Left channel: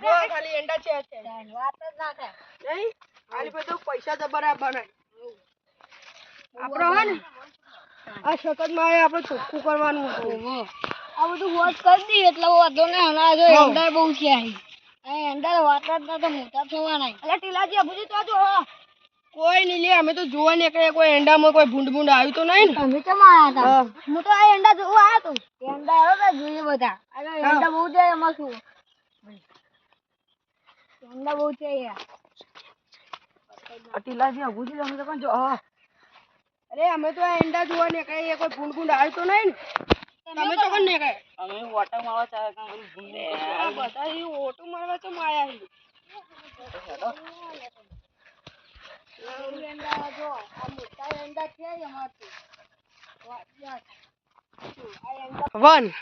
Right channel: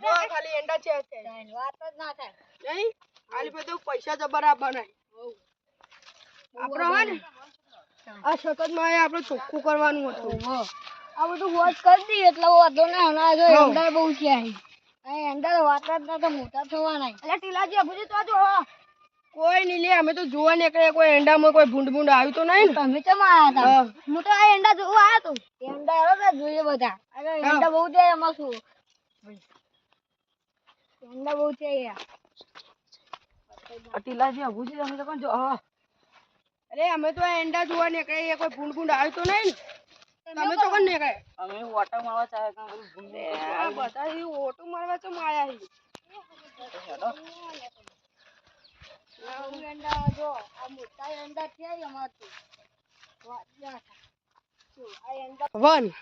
જો ખાલી એંડા છે વાત જ ના થાય નહીં ખાલી બધું પૈસા જબરા બનાય આપણો હે ને આ શકતમાં આપણે ચોખ્ખું કરવાનું હતું આ બધું વોચ કરી દઈએ એટલે વાંધો ના હણા જો એંડા બહુ છે આ એંડા વાત જ ના તો મોટા થવાના એટલે ટીલાજી અબુજી તો જો કોઈ નહીં લે અમે તો જોવા નીકળે કોઈ એંડામાં કોઈ ભૂંડ આવ્યું તો નહીં ને તમે કેમ આયા હતા હું તો આ એંડા જોવા આવ્યો તો એંડા આવ્યો તો જોઈએ બધા અને એંડા બહુ છે એમાં શું એંડા બહુ છે યાર ટીલાજી અબુજી અમે તો પણ જો અરે અમે તો આ એંડા જોવા નીકળે કોઈ ભૂંડ આવ્યું તો નહીં ને તમે તો કોણ નીકળે અમે ઓટો મારવા ચાહે કાં ભૂંડ બધા એ ઓટો મારવા તો માયા હી એંડા જો આ મોટા એંડા છે એમાંથી વન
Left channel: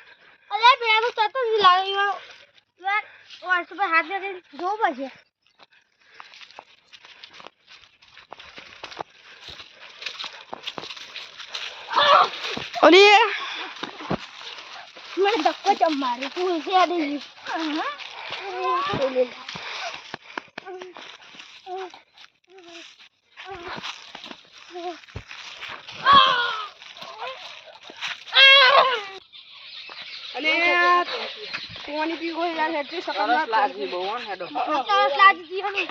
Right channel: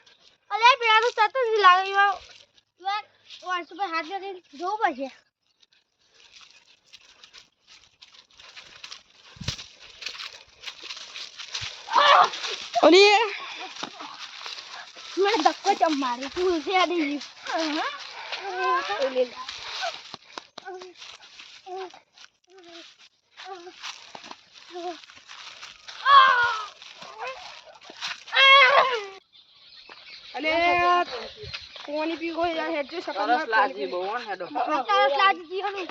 અરે પેલાનું સતત લાવ્યો યાર વર્ષ પર હાથ દે જો પછી ઓલી મને ધક્કો ચમ મારી તું છે આડી અને કોની પી કોઈ યાર હેડ શકત ના લાગી બહુ હે હેડો સરસ લાગી હને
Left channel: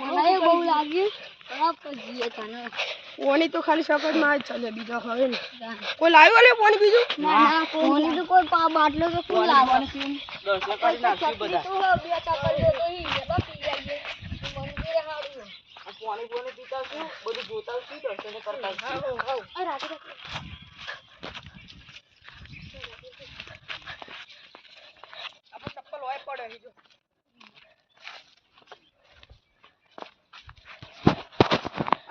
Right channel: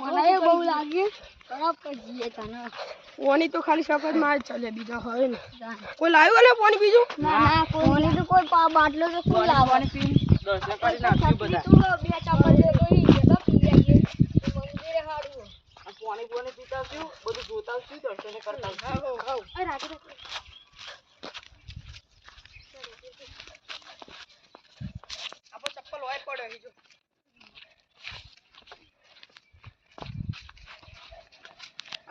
મને બહુ લાગી ખરાબ કરી તને કોની તો ખાલી શકત માં જ ચાલે બીજો હવે ને કોઈ લાવ્યો ને કોની બીજું ના ના કોની તો કોઈ બાટલો તો ફૂલ લાવવાની દર્શન કરી નાખ્યું બધા તું બે ચપલ દે તો ઈ જતા પી જાય મંદિરે હાડ્યું આ પાણી પીતા છું બધું જોતા છું દર્શન કરતા છું એ રાતે આપણો ચપ્પલ હોય પડે હી જો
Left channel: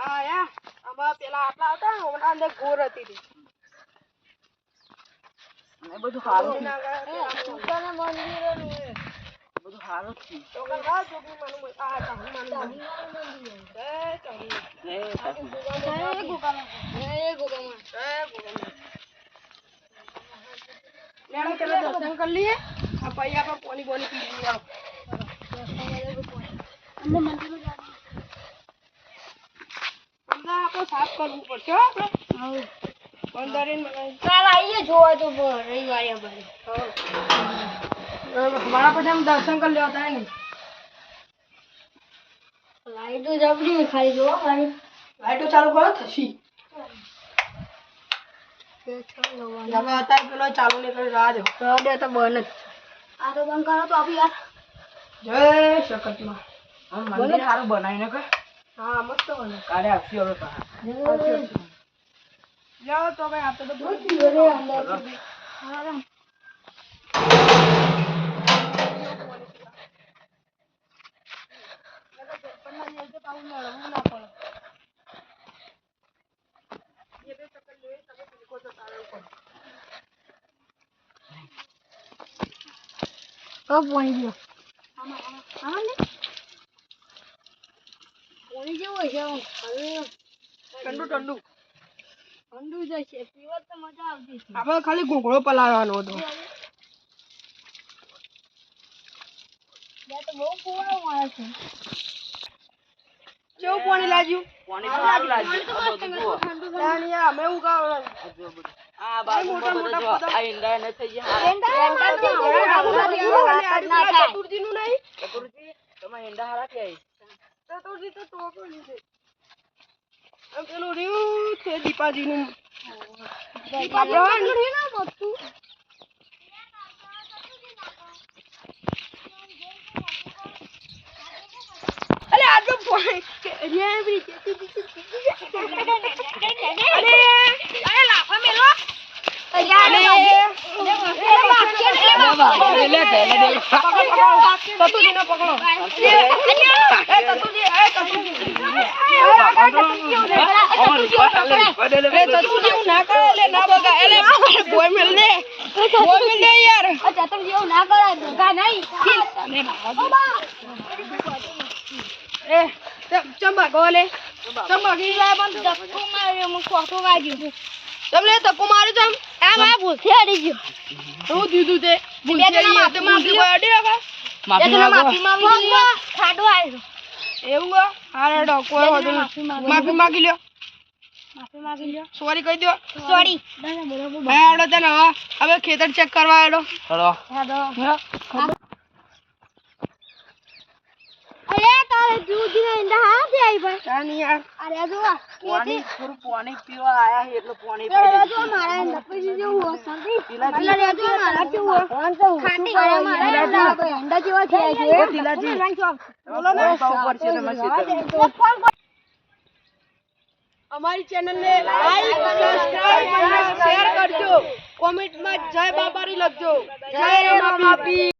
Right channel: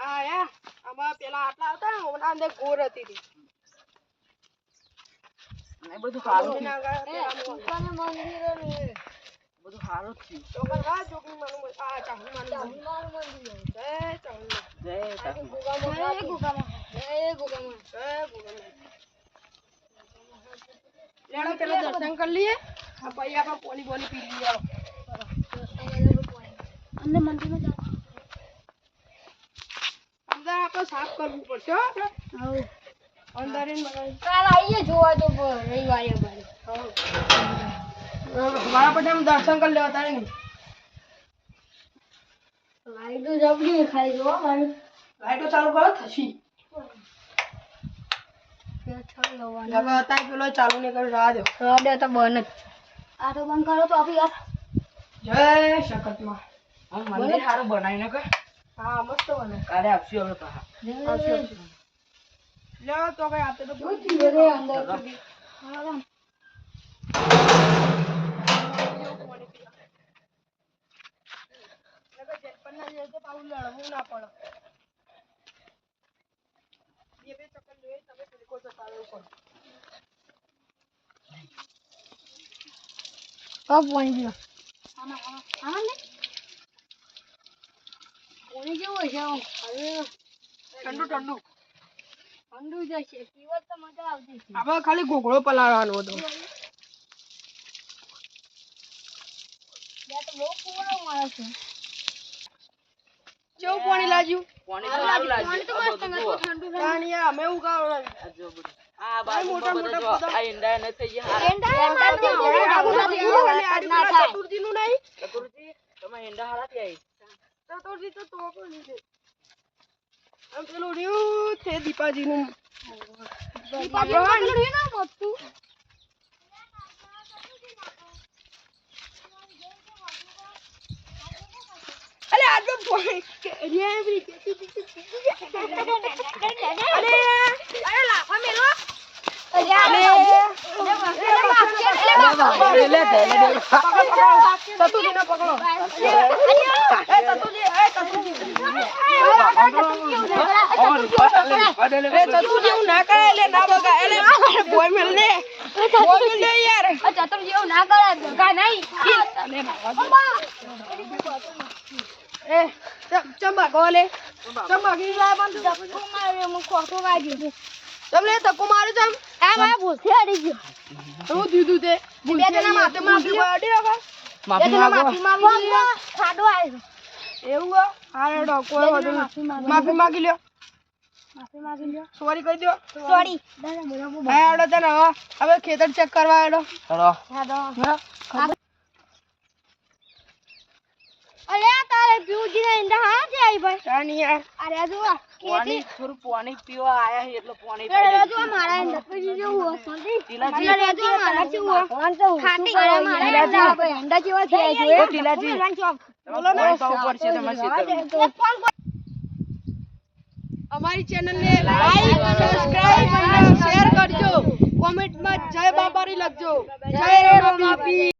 આ યા આમાં પેલા આટલા હતા ઓના અંદર ગોર હતી તી ને બધું સારું એ સુકાને મંદિરે ને બધું સારું છે તો કરવા જોગી માનું આ ચાહી માનું મંદિર જય ચાહી જય એ ગુગામાં લેણો ચલો દર્શન કરી લઈએ આ પછી આપણે પોલી બોલી પી લઈએ અમને મંદિરમાં અંદર આપણે સાફ કરવું પડશે હો આપણે અંદર કાલ આવીએ જોવા તો રવિવારે ભાઈ મારા પછી આમ દર્શન કરી લેવા તારે નહીં લાઈટો જબરી ખાલી જો લાઈટો ચાલુ કરો થશી લગા અત્યારે પેલો ચાલુ નહીં કરી રાહ દો રાડે તો બંધ જ આ તો બંધ કરો તો આપી યાર જય શકતમાં આમ મંદિર સારું બનાવીને કે હા મસ્ત બને કાલે આવશું હવે પાછા લ્યો તો ભાઈ આપણે તો દૂધ પીવે અંદર હા પાણી ગયો આમાં ને પાણી જેવું છે હવે ઠંડુ ઠંડુ ઠંડુ જશે પીવા તો મજા આવતી છે આપણે ખાલી ઘોઘળો પલાળવાનો હતો ત્યાં તો બહુ ફૂવાનો મારે છે કેવું પાણી લાગ્યું પાણી સારું લાગ્યું તો મસ્ત ઠંડુ પાણી અમે એવું ગાવ આ જો બધું આ બાજુ મોટા બધું મોટા જો આ ઈંડા ન થઈ ગયા ચતુર્જી નું નહીં ચતુર્થી તમે ઈંડા હારા થી ચતુર્જી તો ટોકો લીધે આમ પેલું રહ્યું છે દીપાજી નું અરે આજે પાણી અરે લાફા મેલો ના કરે એટલે ના બગા એટલે બોય મેલ દે યાર ચતુર ના કરે ધોકા નહીં ચંબા ગોલે ચંબા ગી જાય પણ ધક્કો માર્યો હું ખોટો વાગ્યો તમને ધક્કો માર્યો ચમ એમ આ ભૂલથી અડી ગયો હું દીધું તે ભૂલથી અડી બાકી માફી માંગો. ખાડો આવ્યો એવું હે? હા હેડો કોઈ વાંધો નહીં. માફી માંગી લ્યો. માફી માંગી લ્યો સોરી કહી દો. સોરી હા હેડો તને હવે ખેતર ચેક કરવા હેડો. હેડો. અરે તારે પીવું ને અંદર હા છે આઈ ભાઈ તા નહીં યાર. અરે જો પાણી થોડું પાણી પીવા આયા છે એટલે પાણી અરે જો મારા અંદર પછી જેવું શાંતિ અરે જો મારા જેવું ફોન તો ખાટી અરે મારા અંદર આપણે અંડા જેવા થયા છે ટીલાજી. બોલો ને. ઉપર છે તમારે ખેતર. અમારી ચેનલને લાઈક સબસ્ક્રાઇબ અને શેર કરજો. કોમેન્ટમાં જય બાબારી લખજો. જય રમા બીબી.